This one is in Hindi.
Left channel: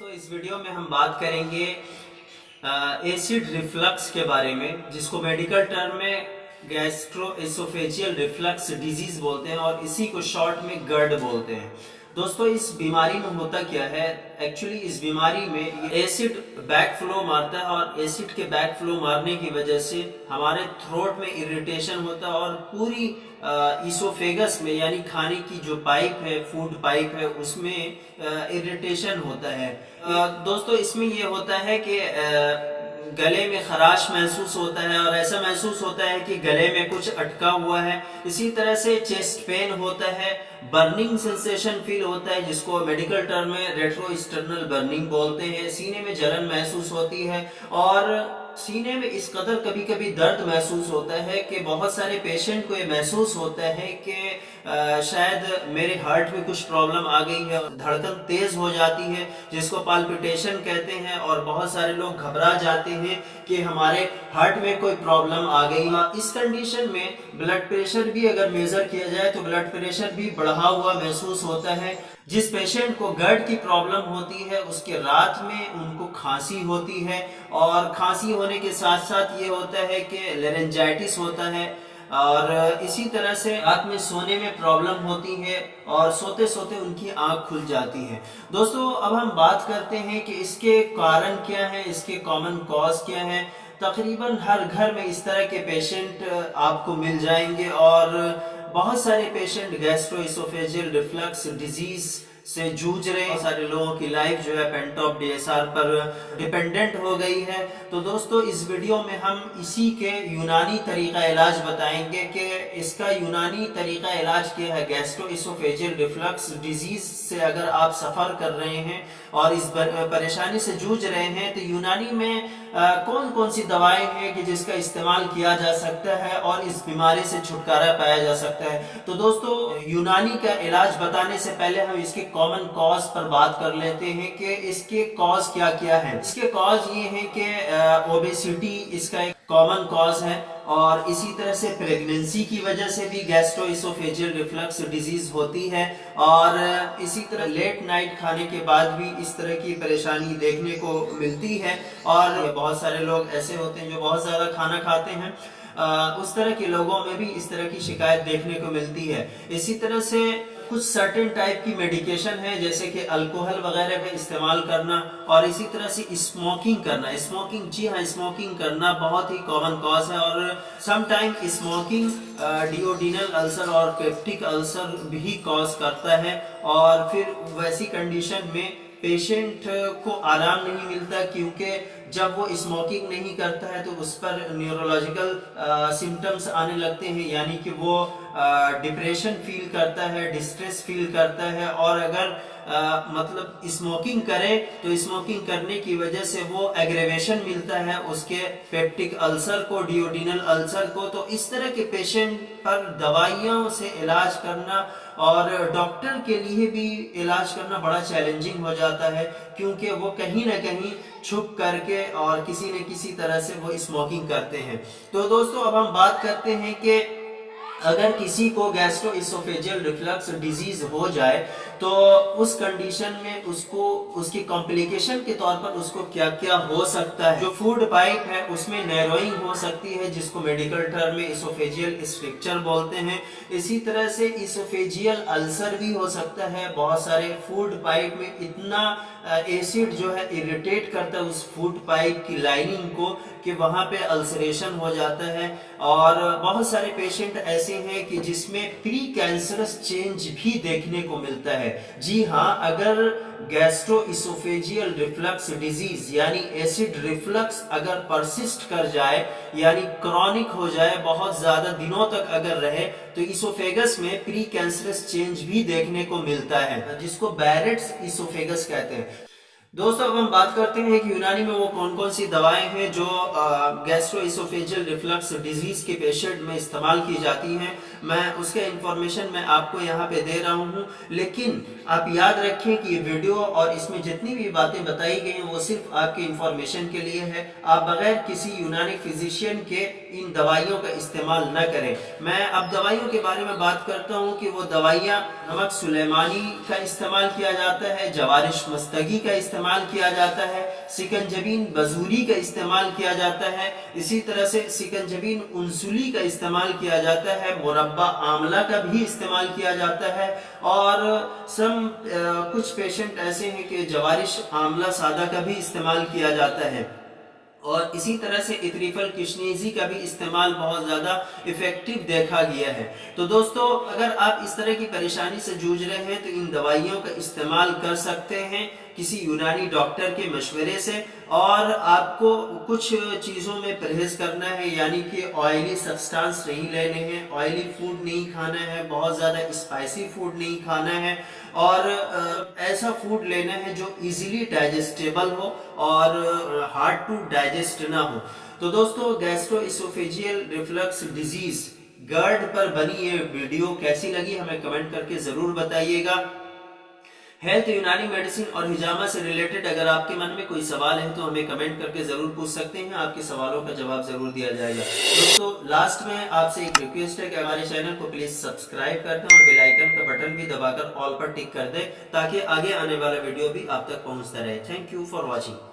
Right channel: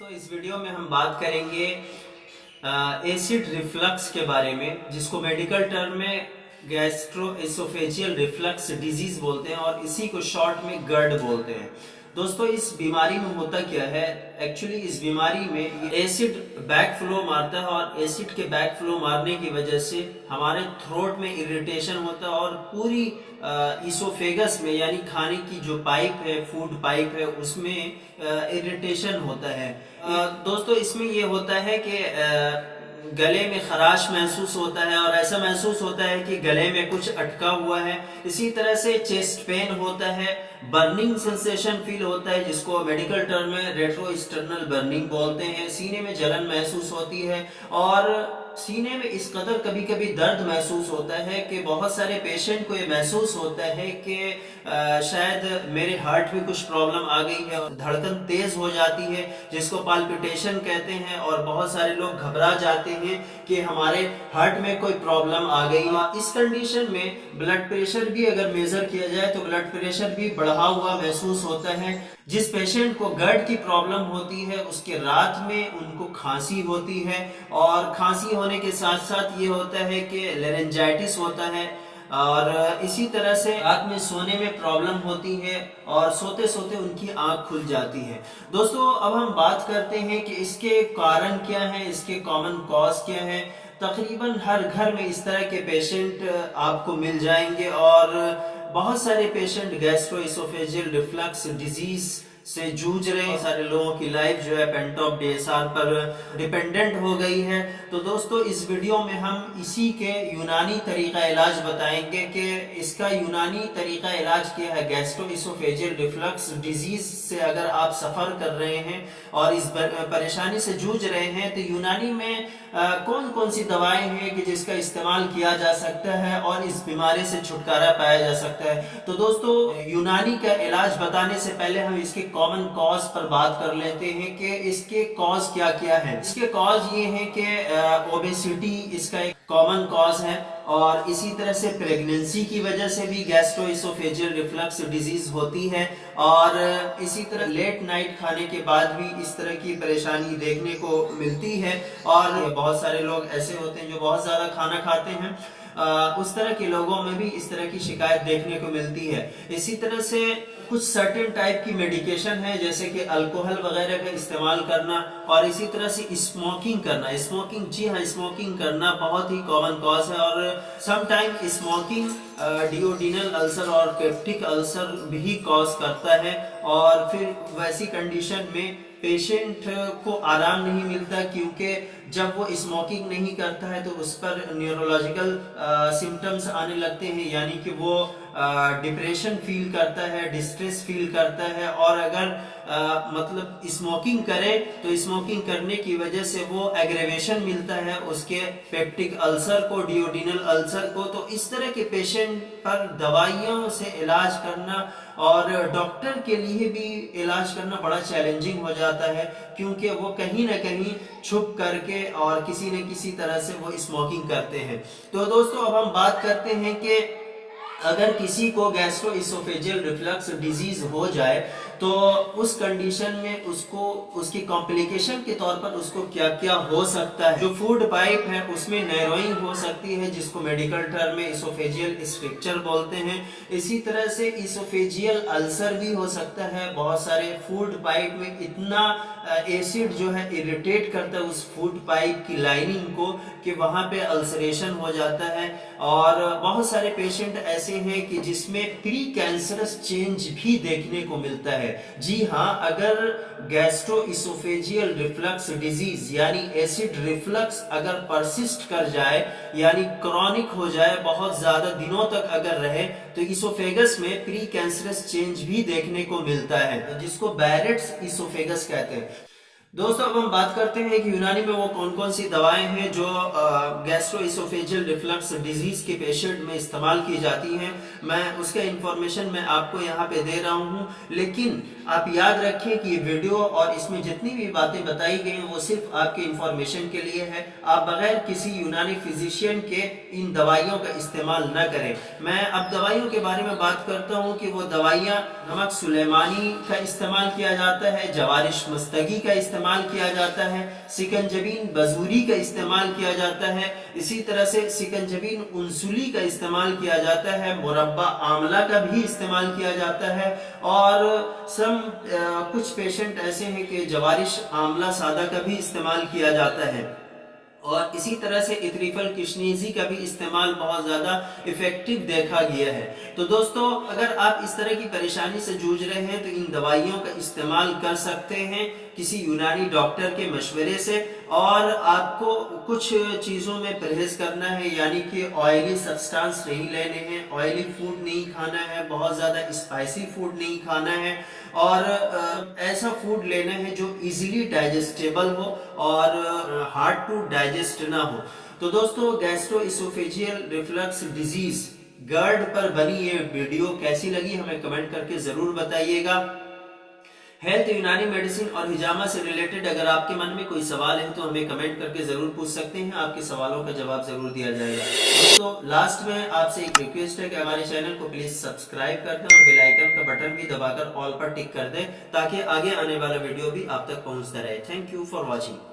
दोस्तों इस वीडियो में हम बात करेंगे एसिड रिफ्लक्स के बारे में, जिसको मेडिकल टर्म में गैस्ट्रो एसोफेजियल रिफ्लक्स डिजीज बोलते हैं और इसी को शॉर्ट में गर्ड बोलते हैं। दोस्तों इस बीमारी में होता क्या है, एक्चुअली इस बीमारी में एसिड बैक फ्लो मारता है और एसिड के बैक फ्लो मारने की वजह से हमारे थ्रोट में इरिटेशन होता है और पूरी इसोफेगस में यानी खाने की जो पाइप है, फूड पाइप है, उसमें इरिटेशन होता है। दोस्तों इसमें ये होता है कि गले में खराश महसूस होता है और ऐसा महसूस होता है कि गले में कुछ अटका हुआ है। इसी तरह से चेस्ट पेन होता है, बर्निंग सेंसेशन फील होता है जिसको मेडिकल टर्म में रेट्रोस्टर्नल बर्निंग बोलते हैं। सीने में जलन महसूस होती है और सीने में इस कदर कभी कभी दर्द महसूस होता है कि बहुत सारे पेशेंट को ये महसूस होता है कि शायद मेरे हार्ट में कुछ प्रॉब्लम आ गई है, धड़कन तेज हो जाती है जिसको पाल्पिटेशन कहते हैं और बहुत सारे लोग घबरा जाते हैं कि हमारे हार्ट में कोई प्रॉब्लम आ गई है। इस कंडीशन में ब्लड प्रेशर भी अगर मेजर किया जाए तो ब्लड प्रेशर भी बढ़ा हुआ महसूस होता है। जिस पेशेंट को गर्ड की प्रॉब्लम होती है उसके रात में उनको खांसी होती है और खांसी होने के साथ साथ ये होता है कि लेरेंजाइटिस होता है और इसी तरह से रात में सोने में प्रॉब्लम होती है और सोते सोते उनकी आंख खुल जाती है। दोस्तों अब हम बात करते हैं कि इसके कारण क्या हैं, इसके कॉमन कॉज क्या हैं। तकरीबन हर घर में इस तरह के पेशेंट आपको मिल जाएंगे और बहुत सारे पेशेंट गैस्ट्रोइसोफेजियल रिफ्लक्स डिजीज से जूझ रहे हैं। सारे लोगों की लाइफ जो है पेंटॉप डीएसआर पर डिपेंडेंट हो गई है। तो दोस्तों इस वीडियो में हम इसी के यूनानी तरीका इलाज बताएंगे कि इसका यूनानी तरीका इलाज क्या है। गैस्ट्रोइसोफेजियल रिफ्लक्स डिजीज से अगर आप सफ़र कर रहे हैं और इस परेशानी से जूझ रहे हैं तो यूनानी में कौन कौन सी दवाएं हैं कि जिसका इस्तेमाल किया जा सकता है और इस बीमारी से छुटकारा पाया जा सकता है। तो दोस्तों यूनानी का इलाज बताने से पहले हम इसके कॉमन कॉज पर बात कर लेते हैं कि इसके कॉज क्या क्या है। इसके कॉज ये हैं कि ओबेसिटी इसका एक कॉमन कॉज है और इसी तरह से प्रेगनेंसी की वजह से भी गैस्ट्रोइसोफेजियल रिफ्लक्स डिजीज होती है और इसी तरह लेट नाइट खाने के बाद भी इस तरह की परेशानी देखने को मिलती है। और बहुत सारे लोग ऐसे होते हैं जो बहुत ज़्यादा खाना खाते हैं, उस तरह के लोगों में भी इस तरह की शिकायत देखने को मिलती है। इसी तरह से कुछ सर्टेन टाइप की मेडिकेशन है जैसे कि अल्कोहल वगैरह का इस्तेमाल करना और इसी तरह से स्मोकिंग करना। स्मोकिंग, जी हाँ, स्मोकिंग करना बहुत ही कॉमन कॉज है और समटाइम स्मोकिंग डिओडिनल अल्सर और पेप्टिक अल्सर भी कॉज करता है और फिर वैसी कंडीशन में पेशेंट को आराम नहीं मिलता क्योंकि जब वो स्मोकिंग नहीं करता है तो उस पर न्यूरोलॉजिकल सिम्टम्स आने लगते हैं, यानी कि वो डिप्रेशन फील करता है, डिस्ट्रेस फील करता है और अगर मतलब स्मोकिंग करे तो स्मोकिंग करने की वजह से वो एग्रेवेशन मिलता है उसके पेप्टिक अल्सर को, डिओडिनल अल्सर को। तो इस तरह के पेशेंट पर दवाइयों से इलाज करना और डॉक्टर के लिए भी इलाज करना बड़ा चैलेंजिंग हो जाता है क्योंकि वो कहीं ना कहीं छुप करके और किसी न किसी तरह से वो स्मोकिंग करते हैं। तो दोस्तों अब हम बात करते हैं कि अगर किसी को गैस्ट्रोइसोफेजियल रिफ्लक्स डिजीज हो जाए तो उस कंडीशन में उसको उसकी कॉम्प्लिकेशन के तौर पर उसको क्या क्या हो सकता है। जो फूड पाइप है उसमें नैरोइंग हो सकती है जिसको मेडिकल टर्म में इसोफेजियल स्ट्रक्चर बोलते हैं। इसी तरह से इसोफेजियल अल्सर भी हो सकता है। बहुत सारे फूड पाइप में इतना एसिड जो है इरिटेट करता है उस फूड पाइप की लाइनिंग को कि वहाँ पे अल्सरेशन हो जाता है और बहुत सारे पेशेंट ऐसे हैं कि जिसमें प्री कैंसरस चेंज भी देखने को मिलता है। जी हाँ, अगर गैस्ट्रोइसोफेजियल रिफ्लक्स डिजीज यानी एसिड रिफ्लक्स अगर परसिस्ट कर जाए यानी क्रॉनिक हो जाए, बहुत ज्यादा दिनों तक अगर रहे तो इसोफेगस में प्री कैंसरस चेंज भी देखने को मिलता है जिसको बैरेट्स इसोफेगस कहते हैं। दोस्तों अब हम बात करते हैं कि यूनानी में वो कौन कौन सी दवाएं हैं जो गैस्ट्रोइसोफेजियल रिफ्लक्स डिजीज के पेशेंट में इस्तेमाल की जाती हैं। मैं उसका इंफॉर्मेशन मैं आपको यहाँ पे दे रहा हूँ, लेकिन आप याद रखें कि ये वीडियो और इसमें जितनी भी बातें बताई गई हैं वो सिर्फ आपके इंफॉर्मेशन के लिए है। आप बगैर किसी यूनानी फिजिशियन के इन दवाइयों का इस्तेमाल न करें। मैं अब दवाइयों के बारे में बात करता हूँ कि वो दवाइयाँ, नमक सुलेमानी का इस्तेमाल किया जाता है, जवारिश मस्तगी का इस्तेमाल इस्तेमाल किया जाता है, सिकंजबीन बजूरी का इस्तेमाल किया जाता है, इसी तरह से सिकंजबीन उंसुली का इस्तेमाल किया जाता है, मुरब्बा आंवला का भी इस्तेमाल किया जाता है, और कुछ पेशेंट ऐसे हैं कि जवारिश आंवला सादा का भी इस्तेमाल किया जाता है, और इसी तरह से इथरिफल किशनीजी का भी इस्तेमाल बहुत ज़्यादा इफ़ेक्टिव देखा गया है। तो दोस्तों, अगर आप इस तरह की परेशानी से जूझ रहे हैं तो इन दवाइयों का इस्तेमाल कर सकते हैं किसी यूनानी डॉक्टर के मशवरे से, और आपको कुछ चीज़ों में परहेज़ करना है, यानी कि ऑयली सब्सटेंस नहीं लेने हैं, ऑयली फूड नहीं खाना है, बहुत ज़्यादा स्पाइसी फूड नहीं खाना है, और ऐसा फूड लेना है जो इजीली डाइजेस्टेबल हो और हार्ड टू डाइजेस्ट ना हो। तो दोस्तों, गैस्ट्रोइसोफेजियल रिफ्लक्स डिजीज GERD पर बनी ये वीडियो कैसी लगी हमें कमेंट करके जरूर बताइएगा। हेल्थ, यूनानी मेडिसिन और हिजामा से रिलेटेड अगर आपके मन में कोई सवाल है तो हमें कमेंट करके जरूर पूछ सकते हैं, आपके सवालों का जवाब जरूर दिया जाएगा। दोस्तों, लास्ट में आपसे एक रिक्वेस्ट है कि हमारे चैनल को प्लीज सब्सक्राइब कर दें और बेल आइकन का बटन भी दबाकर ऑल पर टिक कर दें, ताकि आगे आने वाला वीडियो भी आप तक पहुंचता रहे। Thank you for watching.